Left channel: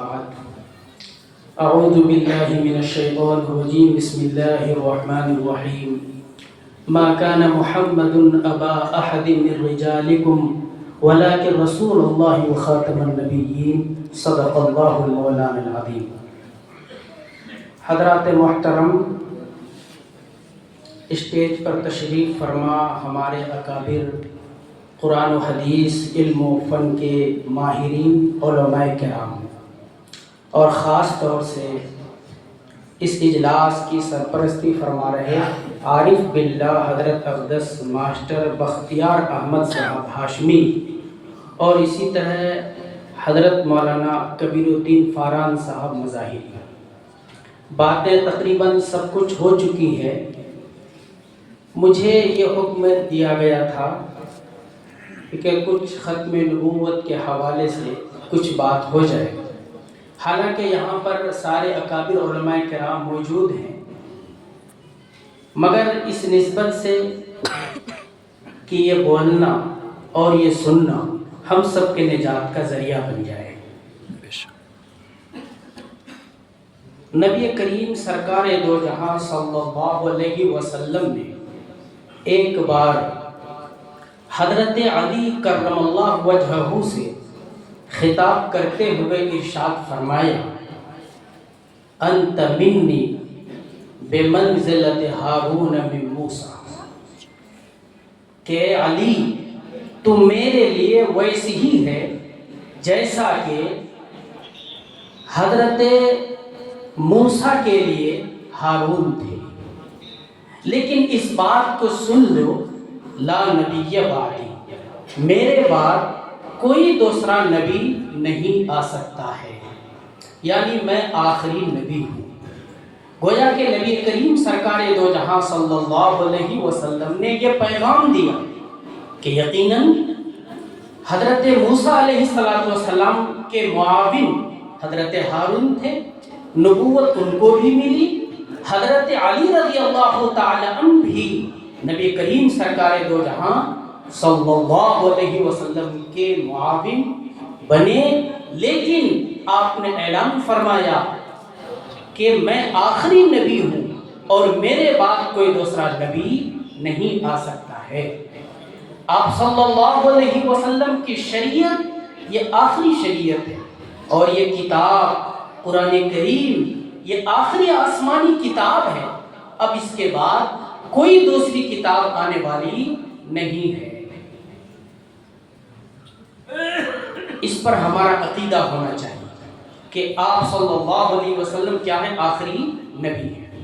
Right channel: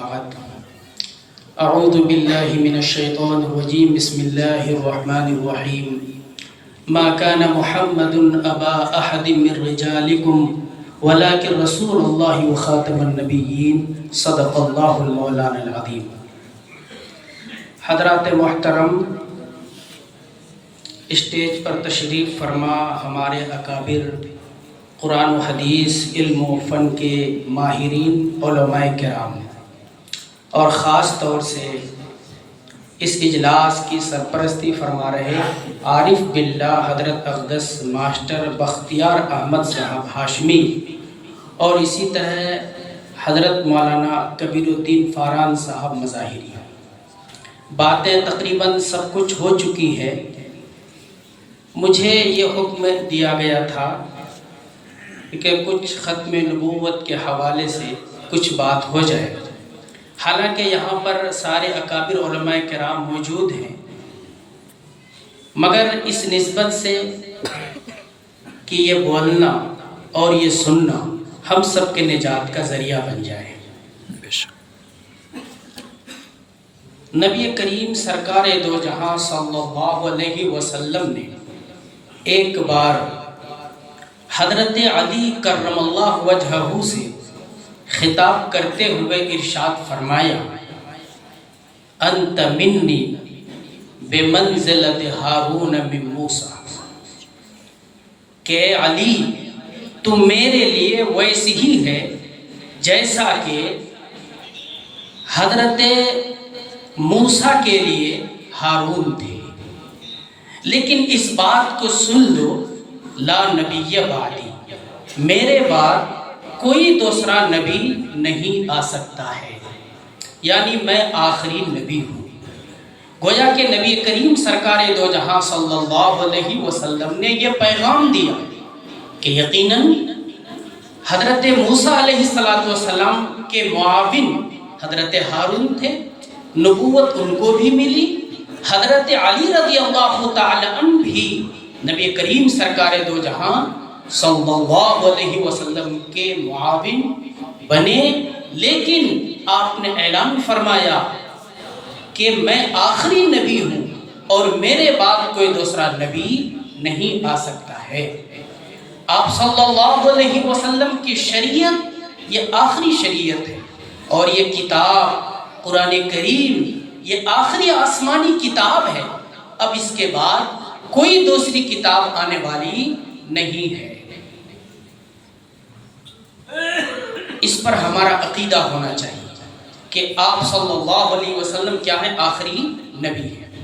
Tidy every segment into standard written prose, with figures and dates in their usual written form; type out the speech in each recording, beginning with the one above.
بعد اعوذ باللہ من الشیطان الرجیم بسم اللہ الرحمن الرحیم ما كان محمد ابا احد من رجالکم ولكن رسول اللہ وخاتم النبیین صدق اللہ المولانا العظیم۔ حضرات محترم، اسٹیج پر تشریف فرما ہمارے اکابر، قرآن و حدیث، علم و فن کے ماہرین، علماء کرام، اور خاص طور سے اس اجلاس کی سرپرستی فرما رہے عارف باللہ حضرت اقدس ماسٹر بختیار احمد صاحب ہاشمی، اور اسی طرح حضرت مولانا کبیر الدین فاران صاحب مظاہری۔ باتیں تقریباً سب کچھ ہو چکی ہے۔ مجھے یہ حکم دیا گیا تھا کہ کچھ ختم نبوت کے حوالے سے کچھ بات ہو جائے، حالانکہ یہاں پر سارے اکابر علماء کرام موجود ہیں، مگر اس نسبت سے کہ یہ بولنا اور یہ سننا ہم سب کے نجات کا ذریعہ بن جائے۔ نبی کریم سرکار دو جہاں صلی اللہ علیہ وسلم نے ایک بار حضرت علی کرم اللہ وجہہ سے خطاب کرتے ہوئے ارشاد فرمایا، انت منی بمنزلت ہارون من موسیٰ، کہ علی تم میرے لیے ویسی ہی ہے جیسا کہ حضرت موسیٰ کے لیے ہارون تھے، لیکن اس بات کو سن لو، لا نبی بعدی، میرے بعد کوئی دوسرا نبی نہیں آ سکتا ہے، یعنی میں آخری نبی ہوں۔ گویا کہ نبی کریم سرکار دو جہاں صلی اللہ علیہ وسلم نے یہ پیغام دیا کہ یقیناً حضرت موسیٰ علیہ السلام کے معاون حضرت ہارون تھے، نبوت ان کو بھی ملی، حضرت علی رضی اللہ تعالی عنہ بھی نبی کریم سرکار دو جہاں صلی اللہ علیہ وسلم کے معاون بنے، لیکن آپ نے اعلان فرمایا کہ میں آخری نبی ہوں اور میرے بعد کوئی دوسرا نبی نہیں آ سکتا ہے۔ آپ صلی اللہ علیہ وسلم کی شریعت یہ آخری شریعت ہے، اور یہ کتاب قرآن کریم یہ آخری آسمانی کتاب ہے، اب اس کے بعد کوئی دوسری کتاب آنے والی نہیں ہے۔ اس پر ہمارا عقیدہ ہونا چاہیے کہ آپ صلی اللہ علیہ وسلم کیا ہے؟ آخری نبی ہے۔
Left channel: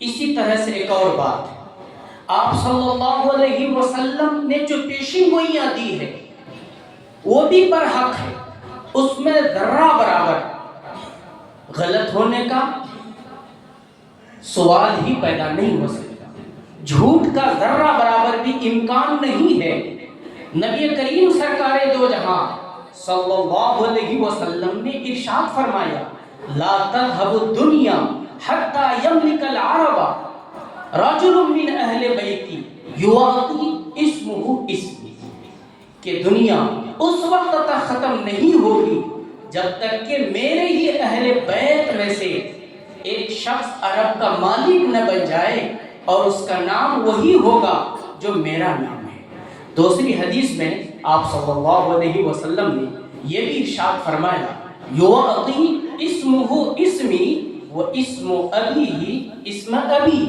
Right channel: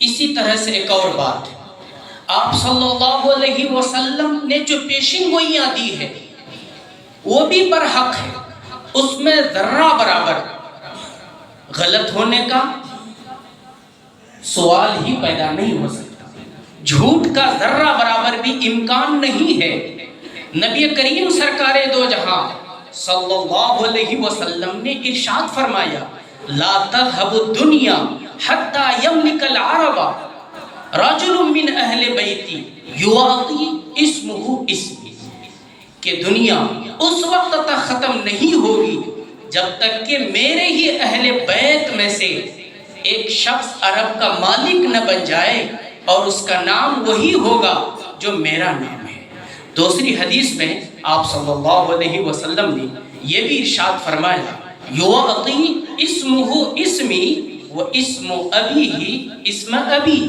اسی طرح سے ایک اور بات، آپ صلی اللہ علیہ وسلم نے جو پیشین گوئیاں دی ہے وہ بھی برحق ہے، اس میں ذرہ برابر غلط ہونے کا سوال ہی پیدا نہیں ہو سکتا، جھوٹ کا ذرہ برابر بھی امکان نہیں ہے۔ نبی کریم سرکار دو جہاں صلی اللہ علیہ وسلم نے ارشاد فرمایا، لا تذهب الدنیا حتی یملک العرب رجل من اہل بیتی یعطی اسمہ اسمی، کہ دنیا اس وقت تک ختم نہیں ہوگی جب تک کہ میرے ہی اہل بیت میں سے ایک شخص عرب کا مالک نہ بن جائے اور اس کا نام وہی ہوگا جو میرا نام ہے۔ دوسری حدیث میں آپ صلی اللہ علیہ وسلم نے یہ بھی ارشاد فرمایا، یعطی اسمہ اسمی و اسم ابیہ اسم ابی،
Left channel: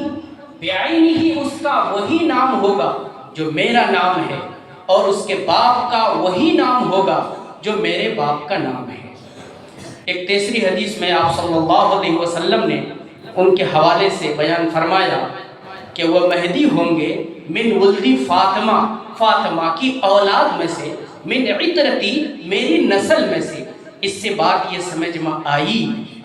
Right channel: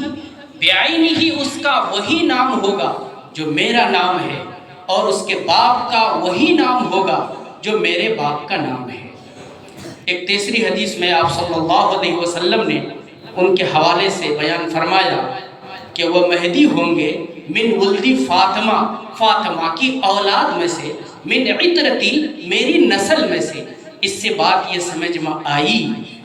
بعینہ اس کا وہی نام ہوگا جو میرا نام ہے، اور اس کے باپ کا وہی نام ہوگا جو میرے باپ کا نام ہے۔ ایک تیسری حدیث میں آپ صلی اللہ علیہ وسلم نے ان کے حوالے سے بیان فرمایا کہ وہ مہدی ہوں گے من ولدی فاطمہ، فاطمہ کی اولاد میں سے، من عطرتی میری نسل میں سے۔ اس سے بات یہ سمجھ میں آئی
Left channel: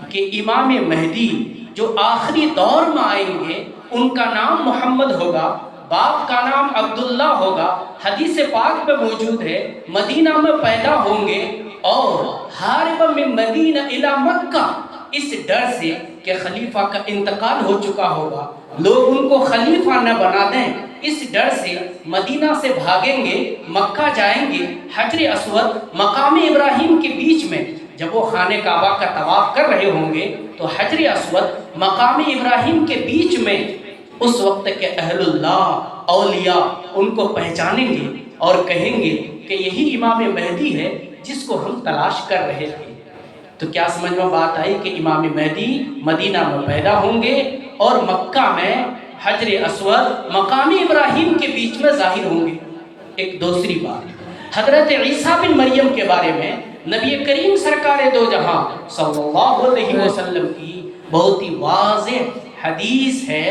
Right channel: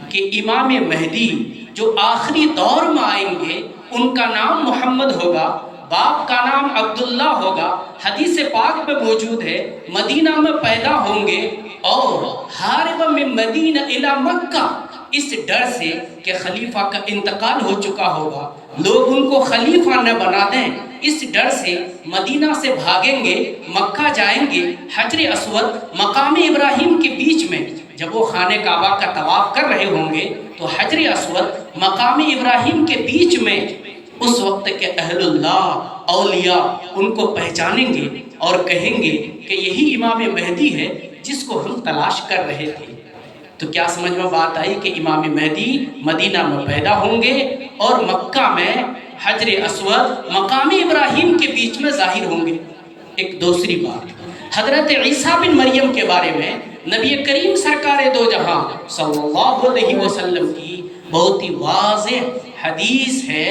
کہ امام مہدی جو آخری دور میں آئیں گے ان کا نام محمد ہوگا، باپ کا نام عبداللہ ہوگا، حدیث پاک میں موجود ہے، مدینہ میں پیدا ہوں گے، اور حارب من مدینہ الی مکہ، اس ڈر سے کہ خلیفہ کا انتقال ہو چکا ہوگا، لوگ ان کو خلیفہ نہ بنا دیں، اس ڈر سے مدینہ سے بھاگیں گے، مکہ جائیں گے، حجر اسود مقام ابراہیم کے بیچ میں جب وہ خانہ کعبہ کا طواف کر رہے ہوں گے تو حجر اسود مقام ابراہیم کے بیچ میں اس وقت کے اہل اللہ اولیاء ان کو پہچانیں گے اور کہیں گے کہ یہی امام مہدی ہے جس کو ہم تلاش کر رہے تھے۔ تو کیا سمجھ میں بات آئی کہ امام مہدی مدینہ میں پیدا ہوں گے اور مکہ میں حجر اسود مقام ابراہیم کے بیچ میں ظاہر ہوں گے۔ ایک دوسری بات حضرت عیسیٰ بن مریم کے بارے میں نبی کریم سرکار دو جہاں صلی اللہ علیہ وسلم کی بہت ہی واضح حدیث ہے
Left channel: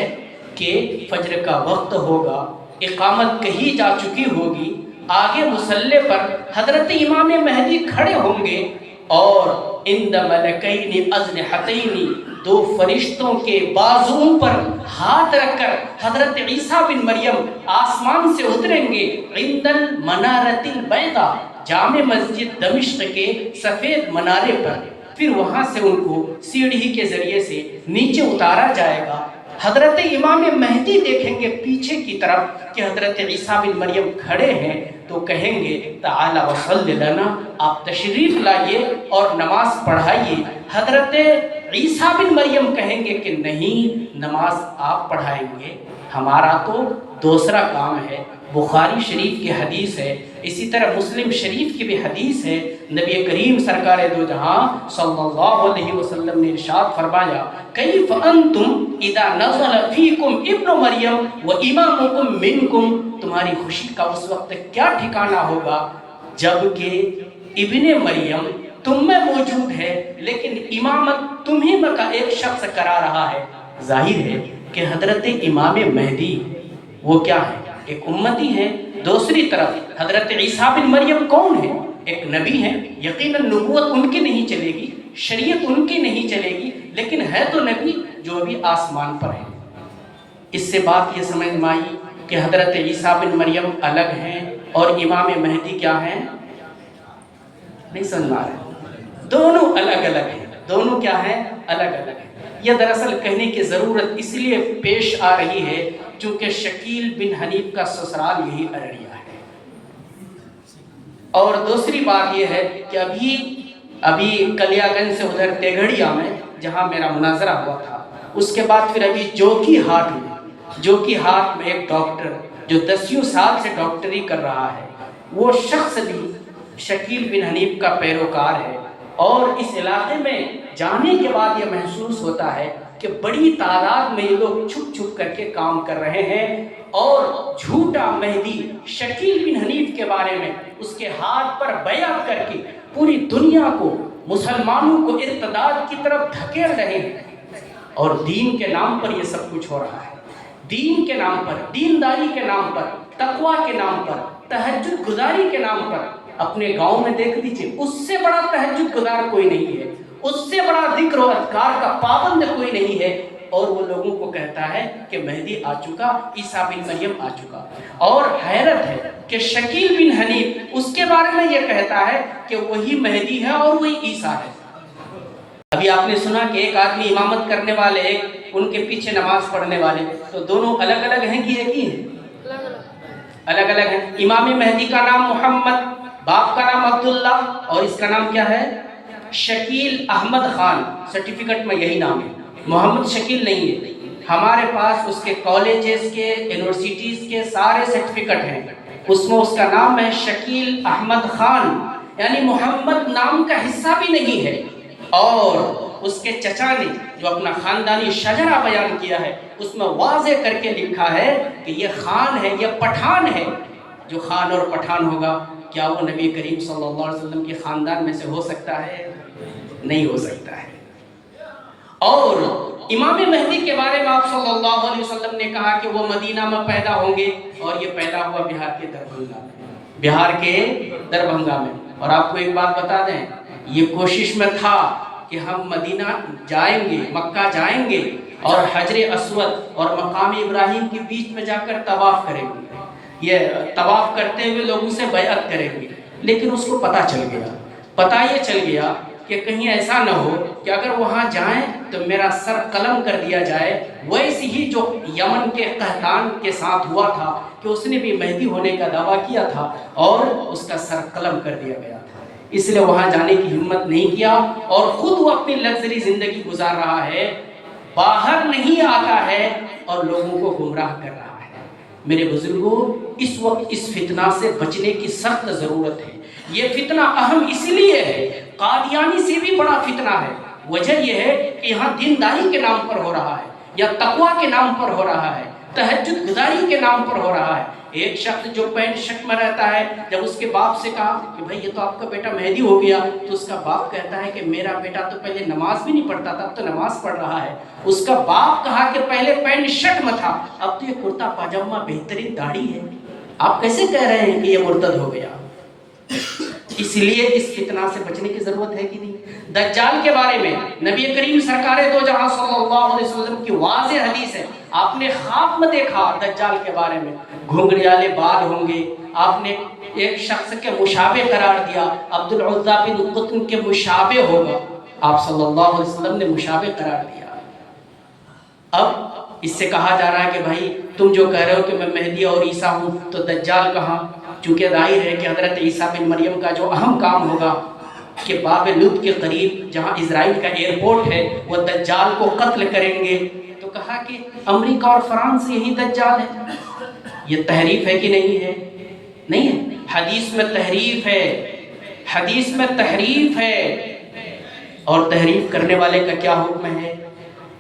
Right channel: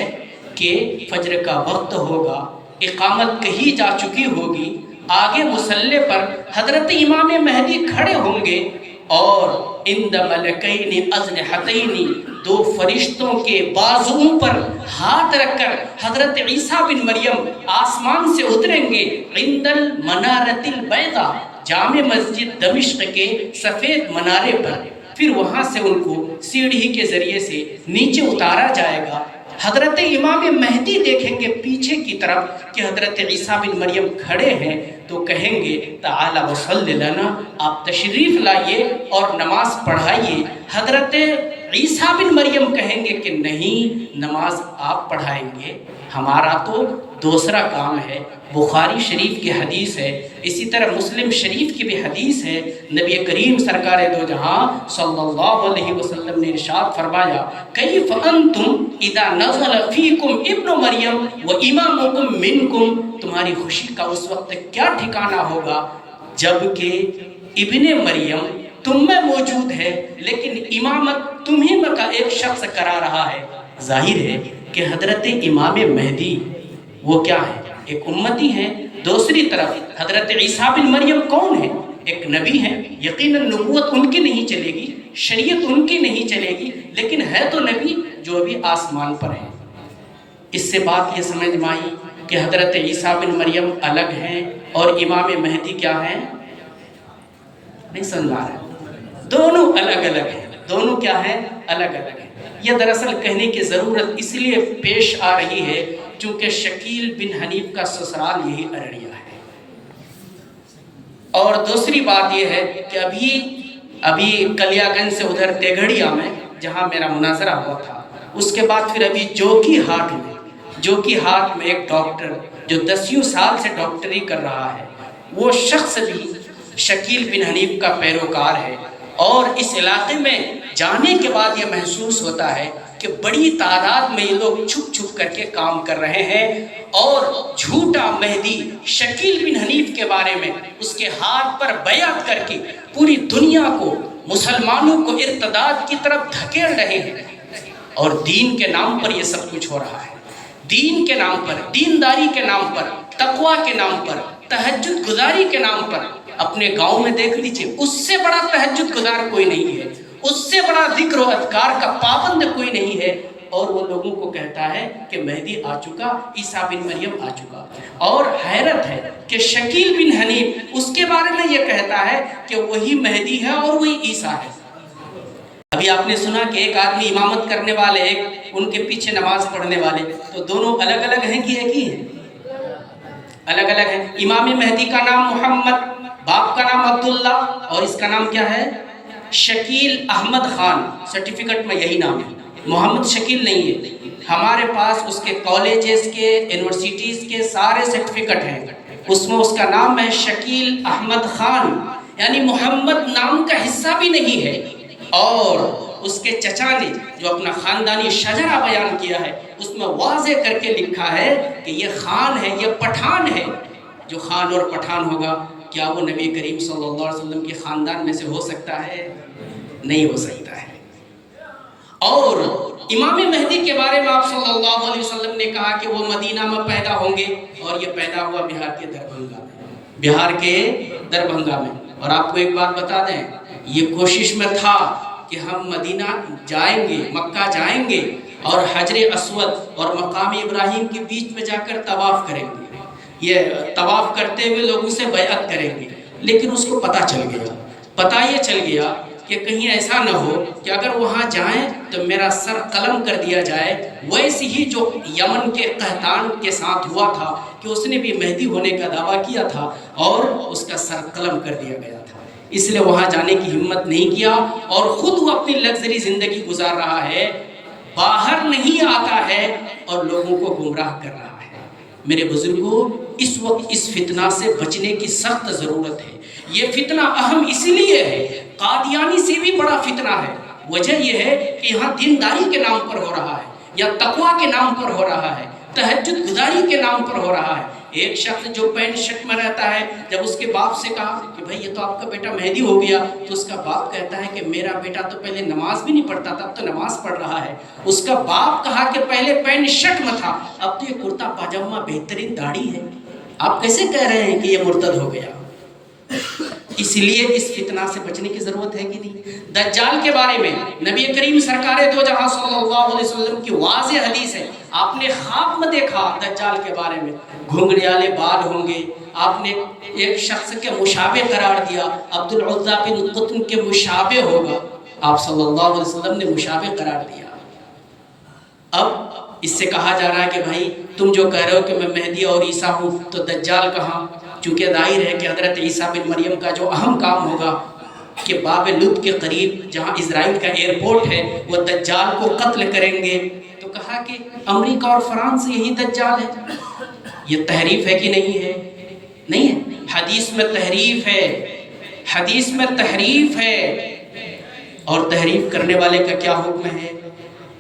کہ فجر کا وقت ہوگا، اقامت کہی جا چکی ہوگی، آگے مصلی پر حضرت امام مہدی کھڑے ہوں گے اور عند ملکین اجنحتین دو فرشتوں کے بازوؤں پر ہاتھ رکھ کر حضرت عیسیٰ بن مریم آسمان سے اتریں گے عند المنارۃ البیضاء جامع مسجد دمشق کے سفید منارے پر، پھر وہاں سے ان کو سیڑھی کے ذریعے سے نیچے اتارا جائے گا۔ حضرت امام مہدی دیکھیں گے پیچھے کی طرف کہ حضرت عیسیٰ بن مریم کھڑے ہیں تو کہیں گے تعالی وصلی لنا، آپ تشریف لائیے اور نماز پڑھائیے۔ حضرت عیسیٰ بن مریم کہیں گے کہ نہیں، نماز آپ پڑھائیں گے، ہمارا تو دوسرا کام ہے۔ بخاری شریف کی حدیث ہے، اسی طرح مسلم شریف کی بھی حدیث ہے، نبی کریم سرکار دو جہاں صلی اللہ علیہ وسلم نے ارشاد فرمایا کیف انتم اذا نزل فیکم ابن مریم و امامکم منکم، تمہاری خوشی کا اس وقت کیا ٹھکانہ ہوگا جب کہ ابن مریم تم میں موجود ہے لیکن امامت تمہیں میں کا ایک شخص کرا رہا ہے۔ ظاہر ہے کہ حضرت امام مہدی وہ کیا ہے؟ ایک امتی ہیں۔ دوسری طرف حضرت عیسیٰ بن مریم کون ہے؟ ایک نبی ہے، یقیناً نبوت ان کی نہیں چلے گی، شریعت ان کی نہیں چلے گی، لیکن ہے تو نبی جو ابھی آسمان پر ہے۔ اس سے بات یہ سمجھ میں آئی کہ حضرت عیسیٰ بن مریم الگ ہیں اور امام مہدی کیا ہیں؟ نہیں سمجھ آ رہا، دونوں الگ الگ ہیں۔ دونوں کیا ہیں؟ الگ الگ ہیں۔ یہ دراصل کہنے کی ضرورت اس لیے پیش آ رہی ہے چونکہ شکیل بن حنیف کا سسرال یہی ارڑیا ہے۔ اور دوسری بات یہ ہے کہ ابھی کلیا گنج سے ادھر تیگھڑیا میں جہاں میرا مناظرہ ہوا تھا، اس کے بعد پھر ابھی جوکی ہاٹ میں ایک ڈاکٹر جو 10 سال سے ڈاکٹری کر رہا ہے، وہ شخص بھی شکیل بن حنیف کا پیروکار ہے۔ اور اس علاقے میں جانے کے بعد یہ محسوس ہوتا ہے کہ بڑی تعداد میں یہ لوگ چھپ چھپ کر کے کام کر رہے ہیں اور جھوٹا مہدی شکیل بن حنیف کے بارے میں اس کے ہاتھ پر بیعت کر کے پوری دنیا کو، مسلمانوں کو ارتداد کی طرف دھکیل رہے ہیں۔ اور دین کے نام پر یہ سب کچھ ہو رہا ہے، دین کے نام پر، دینداری کے نام پر، تقوی کے نام پر، تہجد گزاری کے نام پر۔ اپنے گاؤں میں دیکھ لیجئے، اس سے بڑا تہجد گزار کوئی نہیں ہے، اس سے بڑا ذکر و اذکار کا پابند کوئی نہیں ہے، اور وہ لوگوں کو کہتا ہے کہ مہدی آ چکا، عیسیٰ بن مریم آ چکا۔ اور حیرت ہے کہ شکیل بن حنیف اس کے بارے میں یہ کہتا ہے کہ وہی مہدی ہے اور وہی عیسیٰ ہے۔ ابھی آپ نے سنا کہ ایک آدمی امامت کرنے والے، ایک ان کے پیچھے نماز پڑھنے والے، تو دونوں الگ الگ ہیں کہ ایک ہی ہیں؟ الگ الگ ہیں۔ امام مہدی کا نام محمد، باپ کا نام عبداللہ، اور اس کا نام کیا ہے؟ شکیل احمد خان۔ سرٹیفکیٹ میں یہی نام ہے، محمد شکیل نہیں ہے۔ ہمارے پاس اس کے کالجز کے، یونیورسٹیز کے سارے سرٹیفکیٹ ہیں، اس میں اس کا نام ہے شکیل احمد خان، یعنی محمد نام کا حصہ بھی نہیں ہے۔ اور اس کے چچا نے جو اپنا خاندانی شجرہ بیان کیا ہے اس میں واضح کر کے لکھا ہے کہ یہ خان ہے، یہ پٹھان ہے۔ جو خان اور پٹھان ہوگا، کیا وہ نبی کریم صلی اللہ علیہ وسلم کے خاندان میں سے ہو سکتا ہے؟ نہیں ہو سکتا ہے۔ اور امام مہدی کے بارے میں آپ صلی اللہ علیہ وسلم نے کہا کہ وہ مدینہ میں پیدا ہوں گے، اور یہ پیدا ہوا بہار کے دربھنگا میں۔ اور آپ کو ایک بات بتا دیں، یہ کوشش میں تھا کہ ہم مدینہ جائیں گے، مکہ جائیں گے اور حجر اسود اور مقام ابراہیم کے بیچ میں جا کر طواف کریں گے، یہ طواف کرتے ہوئے لوگوں سے بیعت کریں گے، لیکن اس کو پتہ یہ چل گیا کہ کہیں ایسا نہ ہو کہ اگر وہاں جائیں تو میرا سر قلم کر دیا جائے، ویسے ہی جو یمن کے قحطان کے ساتھ ہوا تھا کہ اس نے بھی مہدی ہونے کا دعویٰ کیا تھا اور اس کا سر قلم کر دیا گیا تھا۔ اس لیے وہاں جانے کی ہمت نہیں کیا، اور خود وہ اپنی لگژری زندگی گزار رہا ہے، باہر نہیں آتا ہے اور لوگوں کو گمراہ کر رہا ہے۔ میرے بزرگوں، اس وقت اس فتنہ سے بچنے کی سخت ضرورت ہے۔ یہ فتنہ اہم اس لیے ہے، قادیانی سے بھی بڑا فتنہ ہے۔ وجہ یہ ہے کہ یہاں دینداری کے نام پر ہو رہا ہے، یا تقوی کے نام پر ہو رہا ہے، تہجد گزاری کے نام پر ہو رہا ہے۔ ایک شخص جو پینٹ شرٹ میں رہتا ہے، جب اس کے باپ سے کہا کہ بھائی یہ تو آپ کا بیٹا مہدی ہو گیا، تو اس کا باپ کہتا ہے کہ میرا بیٹا تو پہلے نماز بھی نہیں پڑھتا تھا، اب تو نماز پڑھ رہا ہے۔ اس کا باپ کہا کہ پہلے پینٹ شرٹ میں تھا، اب تو یہ کرتا پاجامہ بہترین داڑھی ہے، آپ کیسے کہہ رہے ہیں کہ یہ مرتد ہو گیا؟ اس لیے اس فتنہ سے بچنے کی ضرورت ہے کہ نہیں؟ دجال کے بارے میں نبی کریم سرکار دو جہاں صلی اللہ علیہ وسلم کی واضح حدیث ہے، آپ نے خواب میں دیکھا دجال کے بارے میں، گھنگریالے بال ہوں گے، آپ نے ایک شخص کے مشابہ قرار دیا، عبد العزیٰ بن قطن کے مشابہ ہوگا، آپ صلی اللہ علیہ وسلم نے مشابہ قرار دیا۔ اب اس سے کہا جا رہا ہے کہ بھائی تم جو کہہ رہے ہو کہ میں مہدی اور عیسیٰ ہوں، تو دجال کہاں؟ چونکہ ظاہر ہے کہ حضرت عیسیٰ بن مریم کا جو اہم کام ہوگا کہ باب لد کے قریب جہاں اسرائیل کا ایئرپورٹ ہے، وہ دجال کو قتل کریں گے، تو کہا کہ امریکہ اور فرانس یہی دجال ہے۔ یہ تحریف ہے کہ نہیں ہے؟ نہیں ہے، حدیث میں تحریف ہے، حدیث میں تحریف ہے، اور تحریف کرنے والے کا کیا حکم ہے؟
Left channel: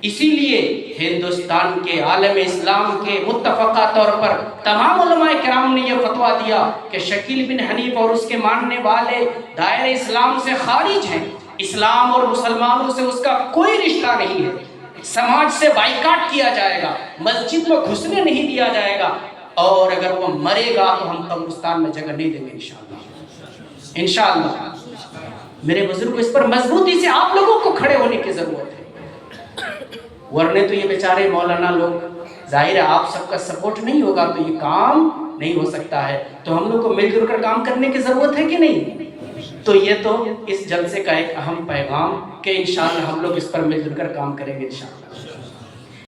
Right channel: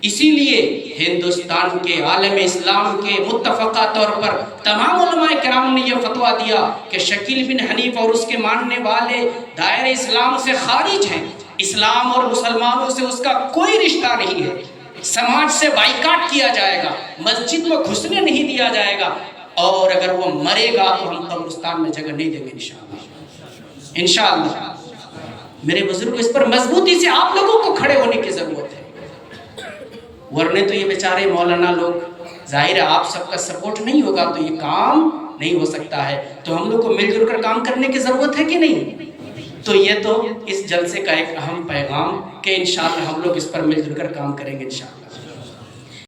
اسی لیے ہندوستان کے عالم اسلام کے متفقہ طور پر تمام علماء کرام نے یہ فتویٰ دیا کہ شکیل بن حنیف اور اس کے ماننے والے دائرہ اسلام سے خارج ہیں، اسلام اور مسلمانوں سے اس کا کوئی رشتہ نہیں ہے، سماج سے بائیکاٹ کیا جائے گا، مسجد میں گھسنے نہیں دیا جائے گا، اور اگر وہ مرے گا تو ہم قبرستان میں جگہ نہیں دیں گے انشاءاللہ۔ انشاءاللہ میرے بزرگ، اس پر مضبوطی سے آپ لوگوں کو کھڑے ہونے کی ضرورت ہے، ورنہ تو یہ بیچارے مولانا لوگ، ظاہر ہے آپ سب کا سپورٹ نہیں ہوگا تو یہ کام نہیں ہو سکتا ہے، تو ہم لوگ کو مل جل کر کام کرنے کی ضرورت ہے کہ نہیں؟ تو یہ تو اس جلسے کا ایک اہم پیغام کہ انشاءاللہ ہم لوگ اس پر مل جل کر کام کریں گے انشاءاللہ۔